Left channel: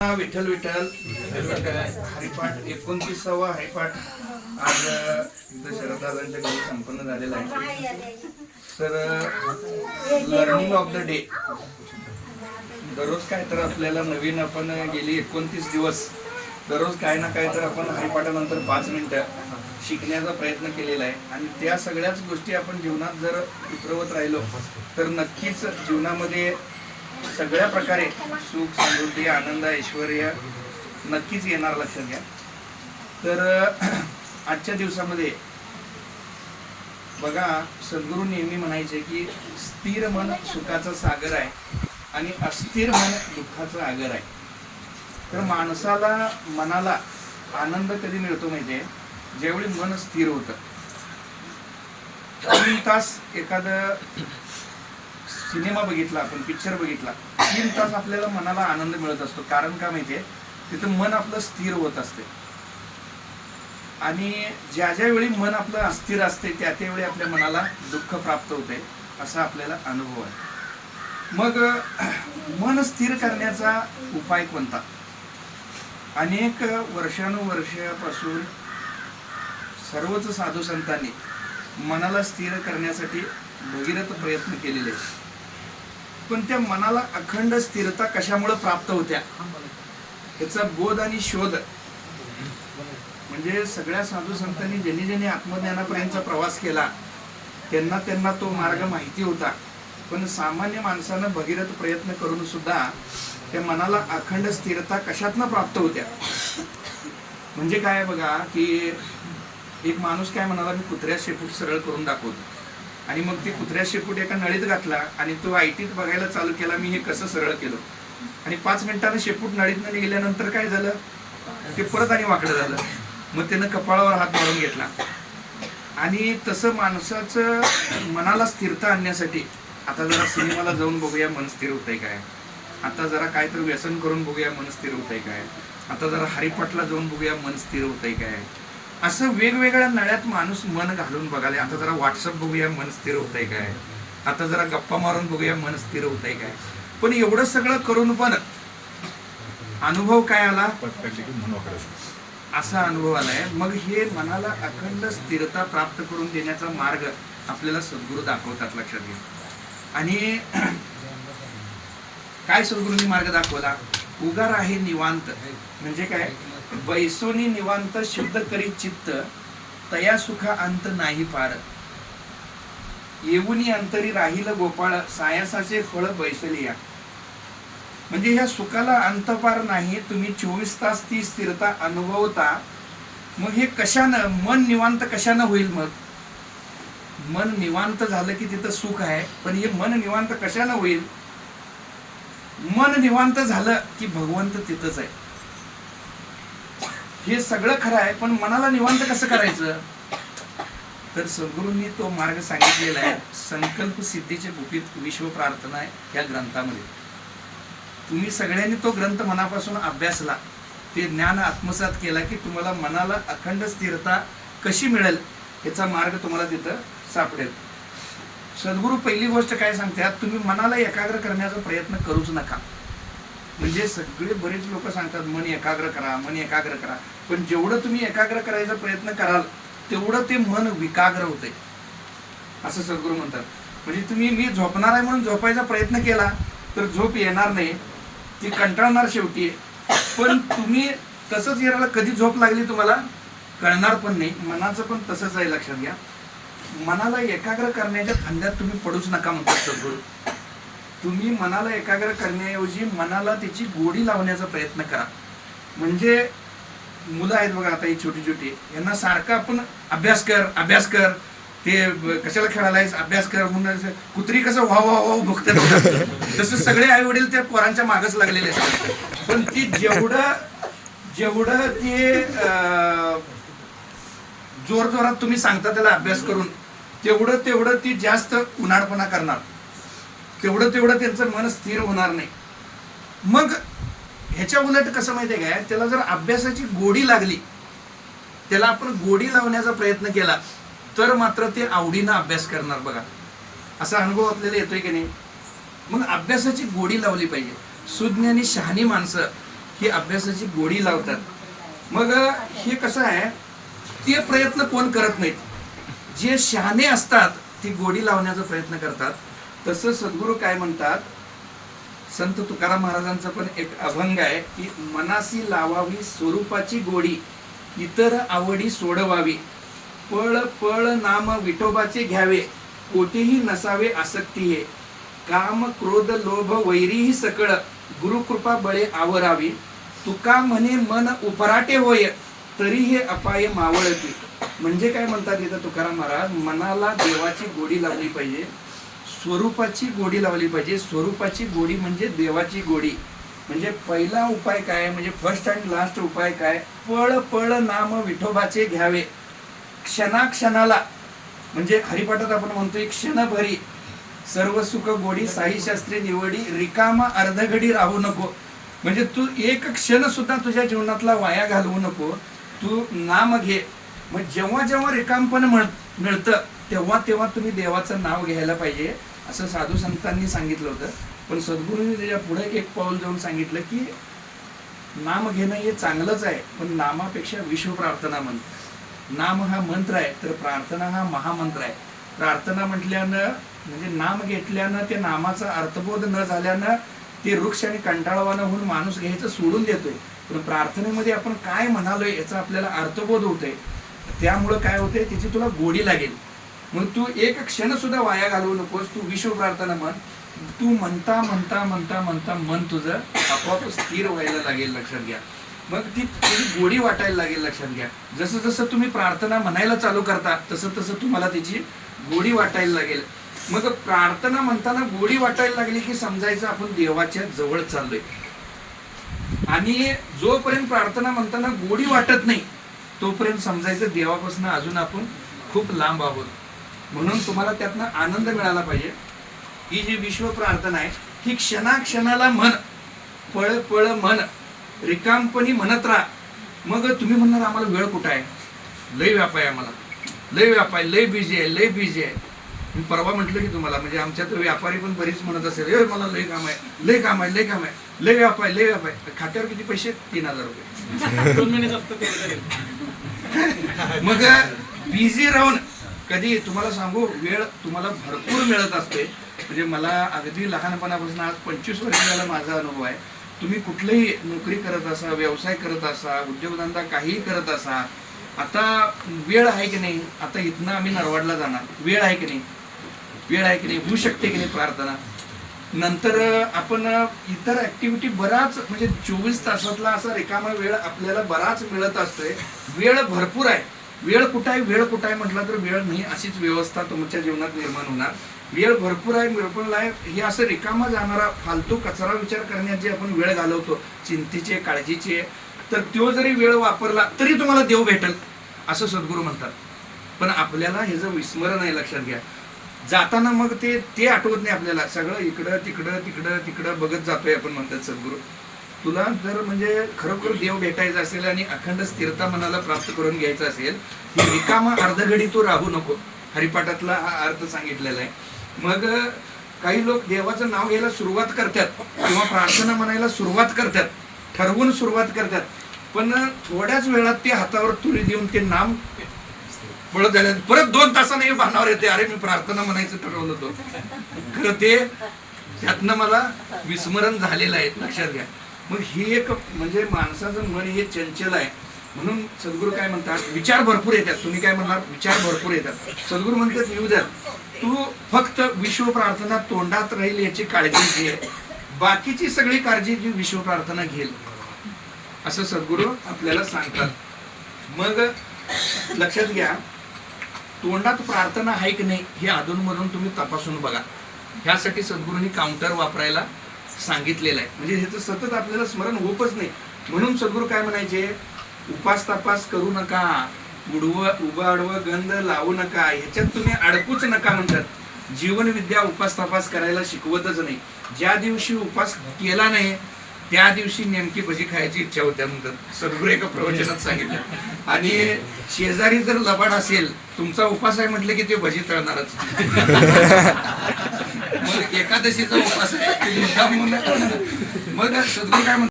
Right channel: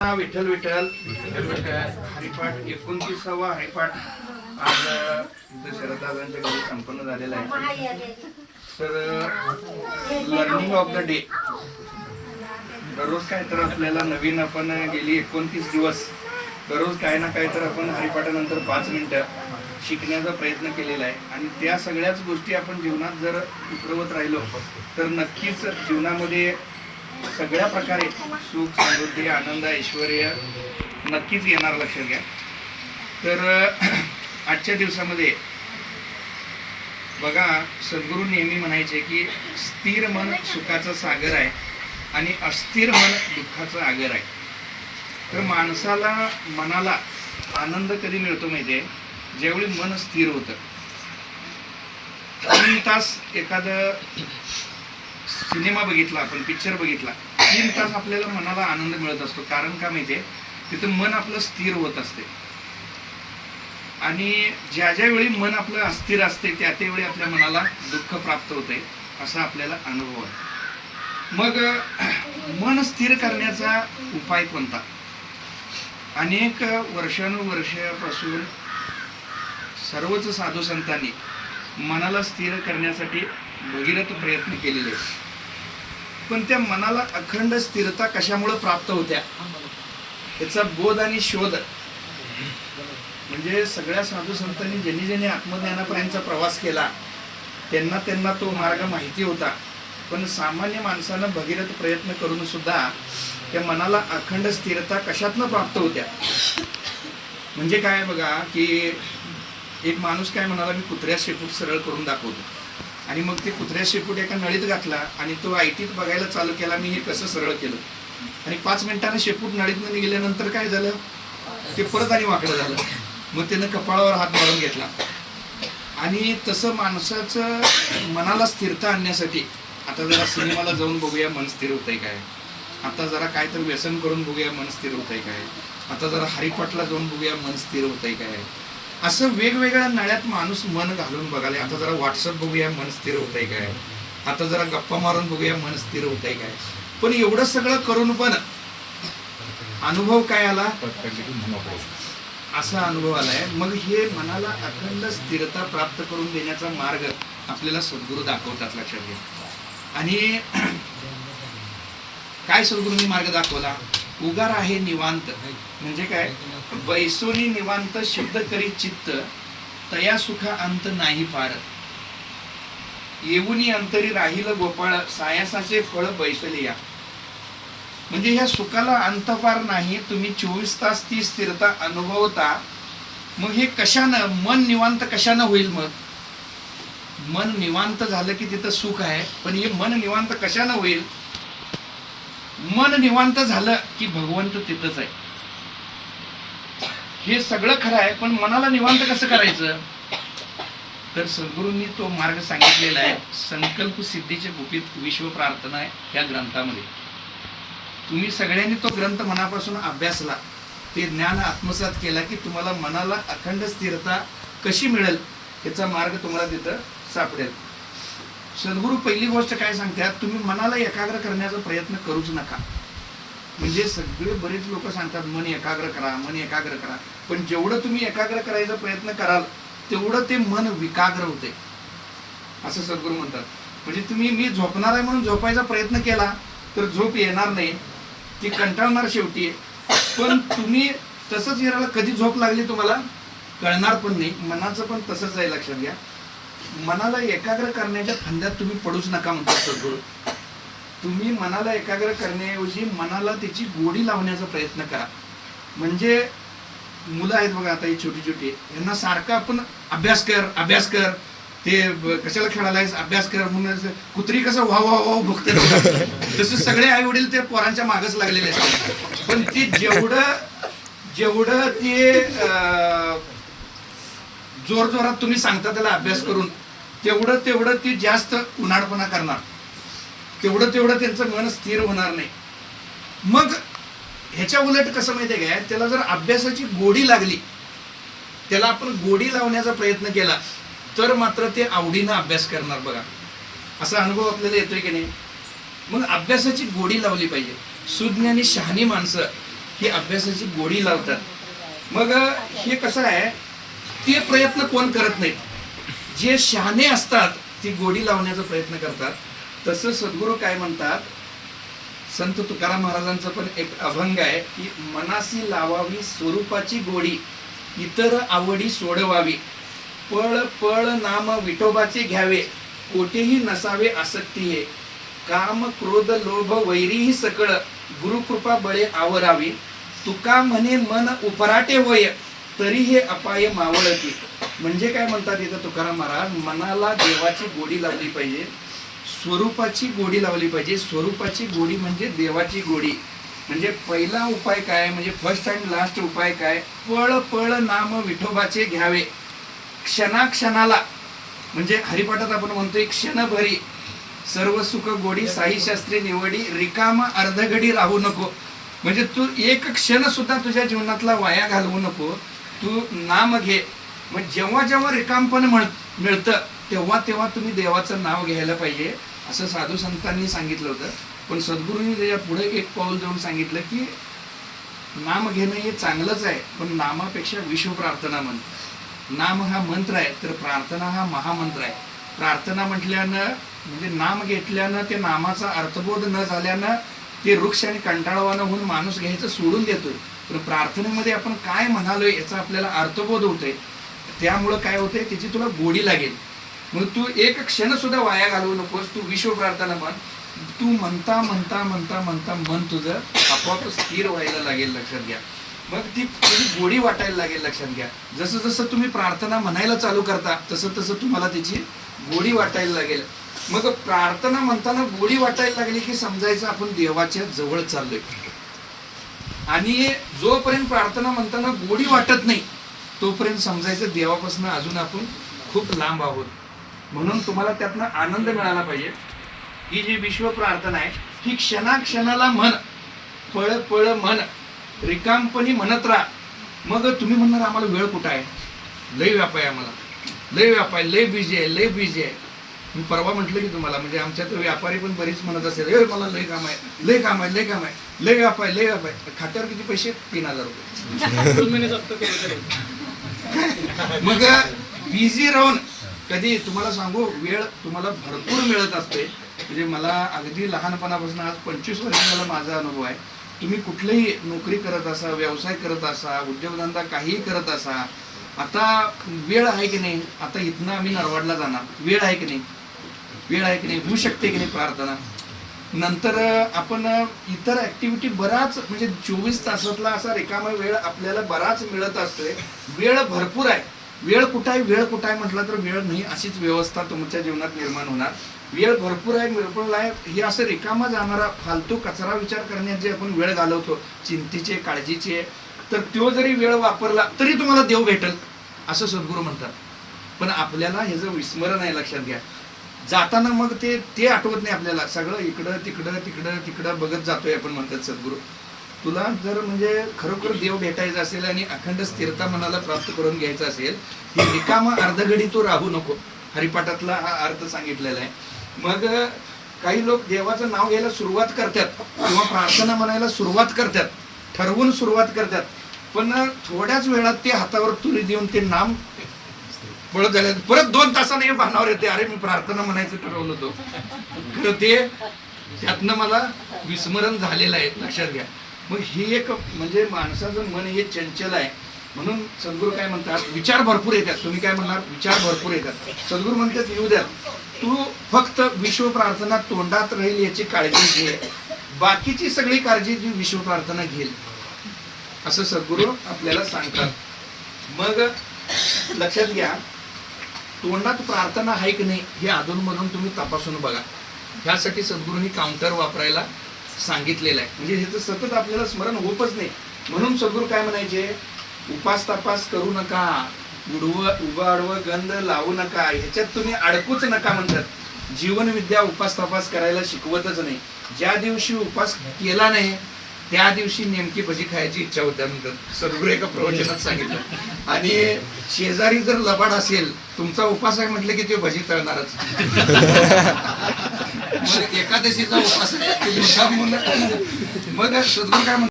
विठ्ठल विठ्ठल हरिपाठ 29वा हरिपाठ आज इथं शरददादांच्या घरी संपन्न झालेला आहे. तर लर्निंग ऑफ द डे, दररोज काय तर आपल्याला नवीन, आपण गेली 29 दिवस दररोज काय ना काय तर आपण हरिपाठानंतर 5 मिनिटं शिकण्याचा प्रयत्न केलेला आहे. आणि त्या सगळ्याच गोष्टी आपण जीवनात जर उतरवत राहिलो तर नक्कीच जीवनामध्ये सगळ्या प्रकारे सुख, समृद्धी, आनंद, ऐश्वर्य नक्कीच येणार, लक्षात घ्या. तर आजच्या दिवसामध्ये बघा, सद्गुरू नेहमी म्हणायचे की स्थिर मन सुखाचा सागर आहे आणि अस्थिर मन दुःखाचा आगर आहे. तर माणसाला, मनाला आनंद कधी मिळतो माहिती आहे? ज्यावेळी मन स्थिर होतं. 3 तास एखादं सिनेमा बघितला, आपण पिक्चर बघितला, 3 तास आपल्याला मनाला आनंद मिळत असतो. कारण का माहितीये? तिथं मन आपलं स्थिर होत असते. आणि ज्या ज्या वेळी मन आपलं अस्थिर असते त्या त्यावेळी आपल्या मनाला दुःख प्राप्त होते, असा आपल्याला अनुभव आहे. मग मन स्थिर करण्याचा उपाय कोणता? अनेक वर्षानुवर्षापासून सर्वच साधू संतांनी मनाला स्थिर करण्यासाठी भगीरथ प्रयत्न केलेले आहेत. पण त्या मनाला अखंड स्थिरता कशामुळे प्राप्त होत्या, त्याचा बोध आणि शोध म्हणजे सगळ्या साधू संतांनी ज्यांनी ज्यांनी आत्मज्ञानापर्यंतचा प्रवास केला त्यांना तो मार्ग माहिती होता. पण सामान्य माणसानं भगीरथ प्रयत्न करून सुद्धा त्या मनाला अखंड स्थिरता कशातनं प्राप्त होत्या. म्हणजे काय बघा, की एक माणूस काय म्हणाला, मी कुत्र्या शेपूट सरळ करून दाखवतो. आणि मग ते कुत्र्या शेपूट एका नळीत घातला आणि तो आयटीत बघायला चालू केला, मी हे कसं सरळ केलं. आणि 5 मिनिटांनी शेपूट नळीतनं निघाल्यानंतर काय झालं, ते परत आणि वाकडं झालं. मग त्यानं कपाळावर हात मारून घेतला. आणि तसं माणसाचं मनाला स्थिरता आणण्यासाठी आता जरा सिनेमाला जाऊन बघूया, मन स्थिर होतंय काय. आता जरा काय तर व्यसन करून बघूया, मन स्थिर होतंय काय. आता जरा हरिपाठला जाऊन बघूया, मन स्थिर होतंय काय. असं वेगवेगळ्या नळ्यात माणूस मन घालून बघाले. आता जरा व्हॉट्सअप बघूया, मन स्थिर होतंय काय. आता जरा गप्पा मारून बघूया, मन स्थिर होतंय काय. पण एवढं सगळं करून पण अनुभव काय आला, असा अनुभव आलाय. मग हे मनाला अखंड स्थिरता प्राप्त करून देण्याचा मार्ग आपल्याला सद्गुरू दाखवतात, लक्षात घ्या. आणि काय सद्गुरूंनी मार्ग दाखवला? उगार आहे निवांत, म्हणजे काय, बैसोनी निवांत शब्द करी चित्त, तया सुखा अंत नाही पार. येऊनी अंतरी राहील गोपाळ, सायासाचे फळ बैसलिया. म्हणजे ह्या सुखाला अंतपार नाही. तुम्ही 24 तास ती स्थिरता अनुभवता. मग हे कशानं, मन निवांत कशानं होईल? मग मन निवांत झालं की तिथं सुख आहे. पण हे मन निवांत कशानं होईल? मन निवांत झालं की भगवंत तिथंच आहे. हे सगळं खरं आहे, पण मनाला निवांत कसं करायचं? तर सद्गुरूंनी तो मार्ग सांगितलेला आहे. संकल्प सिद्धीचे गुपित विश्व प्रार्थना आहे या ग्रंथामध्ये. तुम्ही सगळ्यांनी तो ग्रंथ मनापासून अभ्यासला, ते ज्ञान आत्मसात केला की तुम्हाला मनाला अखंड स्थिरता कशी मिळेल याचा मार्ग तुम्हाला तिथं सापडेल. सद्गुरू पहिली गोष्ट काय सांगतात, तुम्ही मनाला एकाग्र करण्याचा प्रयत्न करूच नका. म्हणजे सगळे बरेच लोक सांगतात मन एकाग्र करा, मन एकाग्र करा. पण जेवढं तुम्ही एकाग्र करायचा प्रयत्न कराल तेवढं ते मन विकाग्र होते, असं सद्गुरू म्हणतात. म्हणजे तुम्ही मी झोपणार आहे म्हणून झोपायचा प्रयत्न केला तर झोप येणार नाही, ती कंटाळणार शेवटी. पण तुम्ही तसंच येणार, कधी झोप लागली तुम्हाला कळणार पण नाही. मनाचं पण तसंच आहे, लक्षात घ्या. मनाला एकाग्र करण्याच्या फंद्यात तुम्ही पडूच नका म्हणतात सद्गुरू. तुम्ही मनाला एकाग्र करण्याऐवजी मनाला त्याची गोडी लावण्याचा प्रयत्न करा. म्हणजे मुलं आहेत बघा, आता ही छोटी छोटी, यांना सारखं आपण अभ्यास कर अभ्यास कर, ते कशाला खेळायला अभ्यास कर म्हणून कुत्री कसं वा वा वा भुकते, तसं सगळे आई वडील त्या पोरांच्या मागच लागलेले असतात. पण ती जेवढं ते जोर जोरात तुम्ही सांगता त्याला अभ्यास करून, तेवढं ती जास्त उन्हाळपणा करणार, तेवढं त्यांचं मन स्थिर होणार नाही. मग ह्याच्या उलट कसं माहिती आहे काय, त्याला जर अभ्यासाची गोडी लागली, त्याला आपण गोडी लावण्याचा प्रयत्न केला तर मात्र ते आवडीनं अभ्यास करणार. बघा, असा अनुभव आपल्याला येतोय की नाही. मग अभ्यासाची गोडी लावली पाहिजे. सुज्ञ आणि शहाणी माणसं ही अभ्यासाची गोडी लावतात. मग हे कसं आहे, ते प्रयत्न कोण करत नाहीत. जे शहाणे असतात ती गोडी लावण्याचा प्रयत्न करतात. तसं सद्गुरू काय म्हणतात, संत तुकाराम महाराजांचं पण एक अभंग आहे की मनासी लावावी स्वरूपाची गोडी, इतर आवडी सोडवावी, पळ पळ नाम विठोबाचे घ्यावे, कोठेही नसावे आसक्ती हे, काम क्रोध लोभ वैरीही सकळ, गुरुकृपा बळे आवरावी, तुका म्हणे मन उपराटे होय, तरी हे अपाय मावळती. म्हणजे काय म्हणतात इथं तुकाराम महाराज, मनाला देवाची गोडी लावली पाहिजे, स्वरूपाची गोडी लावली पाहिजे. स्वरूपाची गोडी म्हणजे देवाची गोडी. म्हणजे पहिला उपाय काय, म्हणजे फर्स्ट अँड लास्ट उपाय काय, पळ पळ नाम विठोबाचे घ्यावे. क्षणाक्षणाला, म्हणजे हरिपाठात आपण म्हणतोय क्षणभरी सर्व सुख गोडी साई शास्त्री निवडी, रिकामा अर्धघडी राहू नको. म्हणजे तू एक क्षण सुद्धा तुझ्या जीवनातला वाया घालवू नको, तू नाम घे. मग जेव्हा जेव्हा रिकामपण मिळतं तेव्हा तेव्हा तुम्ही देवाचं नाव घ्यायला पाहिजे, असं साधू संतांनी सांगितलं होतं. पण सद्गुरूंनी त्याच्या पुढे एक पाऊल जाऊन सांगितलं की नाम घेणं हे चांगलंच आहे, पण नामापेक्षा विश्व प्रार्थना म्हण. नाम हा मंत्र आहे, तर प्रार्थना हा महामंत्र आहे. प्रार्थना म्हटल्यानं म्हणजे नाम घेतल्यानं ते नामाचा अर्थबोध न झाल्यानं ते वृक्ष आणि कंटाळवानं होऊन माणूस घ्यायचं सोडून देतोय. पण प्रार्थनेमध्ये आपण काय म्हणालोय याचा आपल्याला अर्थबोध होतोय. त्यामुळं काय होतंय, त्याची तुला गोडी लागेल. मग तू एक क्षण सुद्धा वाया घालवू नकोस, तू विश्व प्रार्थना म्हण. तू म्हणता म्हणता म्हणता म्हणता मन तुझं आपोआप स्थिर व्हायला लागेल, लक्षात घ्या. मग ती तुझी गोडी वाटायला लागेल, लक्षात घ्या. जसं जसं तुम्ही प्रार्थना म्हणायला चालू करता तसं तसं तुम्हाला त्याची गोडी वाटायला लागेल. मग प्रार्थना म्हणताना गोडी वाटायला लागली की समजायचं आपण देवाच्या जवळ चाललोय. आणि जोपर्यंत प्रार्थना म्हणताना गोडी वाटत नाही तोपर्यंत समजायचं देवापासून अजून आपण खूप लांब आहोत. म्हणून तुम्हाला त्यातनं आनंद मिळाला पाहिजे. ही जी विश्व प्रार्थना आहे ही क्षणाक्षणाला म्हण, पळ पळ म्हण, रिकामपणी म्हणत राहा. मग तुम्ही म्हणणार आम्हाला वेळ कुठं आहे, लय व्याप आहे, आम्हाला लय व्याप आहे, लय बिझी आहे, लय बिझी आहे. मी परवा म्हटलं की तुम्हाला, म्हणजे आमच्या तर व्यापारी पण बरीच म्हणत असेल, ए मला लय काम आहे, लय काम आहे, लय काम आहे, लय व्याप आहे, लय व्याप आहे. खात्यावर किती पैसे, 3000 रुपये. मग बिझी राहून कधी तुम्हाला सांगू, वेळ तुम्हाला भरपूर मिळत असते. म्हणजे मला अगदी लहानपणापासून आज 25 वर्ष झाला माझा अनुभव आहे. तुम्ही कुठलीही नोकरी करत असा, व्यवसाय करत असा, उद्योगधंदा काहीही करत असा, आता वेळ आहे की नाही. आता इथनं आम्ही नरवाडला जाणार, वेळ आहे की नाही, वेळ आहे की नाही, होऊ शकते की नाही प्रार्थना. नंतर आपण इतर ऍक्टिव्हिटी बराच, म्हणजे 24 तासातला असा रिकामा वेळ आपल्याला बराच मिळत असतोय. वेळ भरपूर आहे. वेळ कुठं आहे, वेळ कुठं आहे म्हटलं तर वेळ नाही, अशीच व्यवस्था तुमच्या जीवनात निर्माण होणार. वेळ भरपूर आहे, भरपूर आहे. हे असं रिकामा जाणारा फालतू कचरा विचार करण्यात जे आपण वेळ घालवतो, चिंतेचे, काळजीचे, तर तो जरी वेळ वापरला तरी तुम्हाला देव भेटेल असं सद्गुरू म्हणतात. पण आपल्याला हे जर विस्मरण आहे, लक्षात घ्या. जाताना मग ते आठवत नाही आपल्याला, सगळं इकडं तिकडं तिकडं तिकडं बघत जातोय आपण, म्हणतात सद्गुरू. तुला जर म्हणजे खरोखर देव भेटायचा असेल आणि अखंड स्थिरता मनाला प्राप्त करून घ्यायचं असेल, ही रिकामा अर्धघडी तू राहू नको. हरिपाठातला हा अर्थ सांगितलेला आहे. मग काही लोक देवाचं नाव घ्यायला सुरुवात करतात किंवा प्रार्थना म्हणायला सुरुवात करतात, ठरवून सुरुवात करतात, पण थोड्याच वेळात ते हातावर तुरी देऊन ते नाम पळत झाले. परत 2 तासाने भानावर येते, अरे मी प्रार्थना म्हणायचं ठरवलं होतं, खरं ते त्यातनं मला विस्मरण झालेलं आहे, लक्षात घ्या. मग ही एक म्हणजे माणसाचं मन हे चंचल आहे. म्हणून सद्गुरू काय म्हणतात, विचार भरपूर येतात. तुम्ही काय म्हणणार, विचार भरपूर येतात. सद्गुरू म्हणतात येऊ द्या, तू फक्त विश्व प्रार्थना तोंडात राहील याची काळजी घे, बाकीची सगळी काळजी जी विश्व प्रार्थना घेईल, असं सद्गुरू आपल्याला सांगतात. मग लक्षात घ्या, तोंडात प्रार्थना आहे की नाही हे अधूनमधून तुम्ही तपासून बघा. ह्यासाठी सद्गुरूंनी काउंटर वापरायला सांगितलेलं आहे. म्हणजे ह्याचं सतत आपल्याला स्मरण होतच नाही. म्हणून सद्गुरू काय म्हणायचे, उपास तपास करू नका, उभं आडवं गंध लावू नका, ह्याच्यात तुम्ही अडकूच नका म्हणतात. जीवनविद्या उपास तपास करायला शिकवतच नाही. ज्या दिवशी उपास केला नाही त्या दिवशी नेमकी भजी खायची इच्छा होत्या म्हणतात, सद्गुरू एका प्रवचनात सांगितलं. आणि शेजारी जर लबाड असेल, तुमचा उपास आहे म्हटलं की ते भजी तळणारच. एकादशीचा उपास आहे. मग सद्गुरू काय म्हणतात,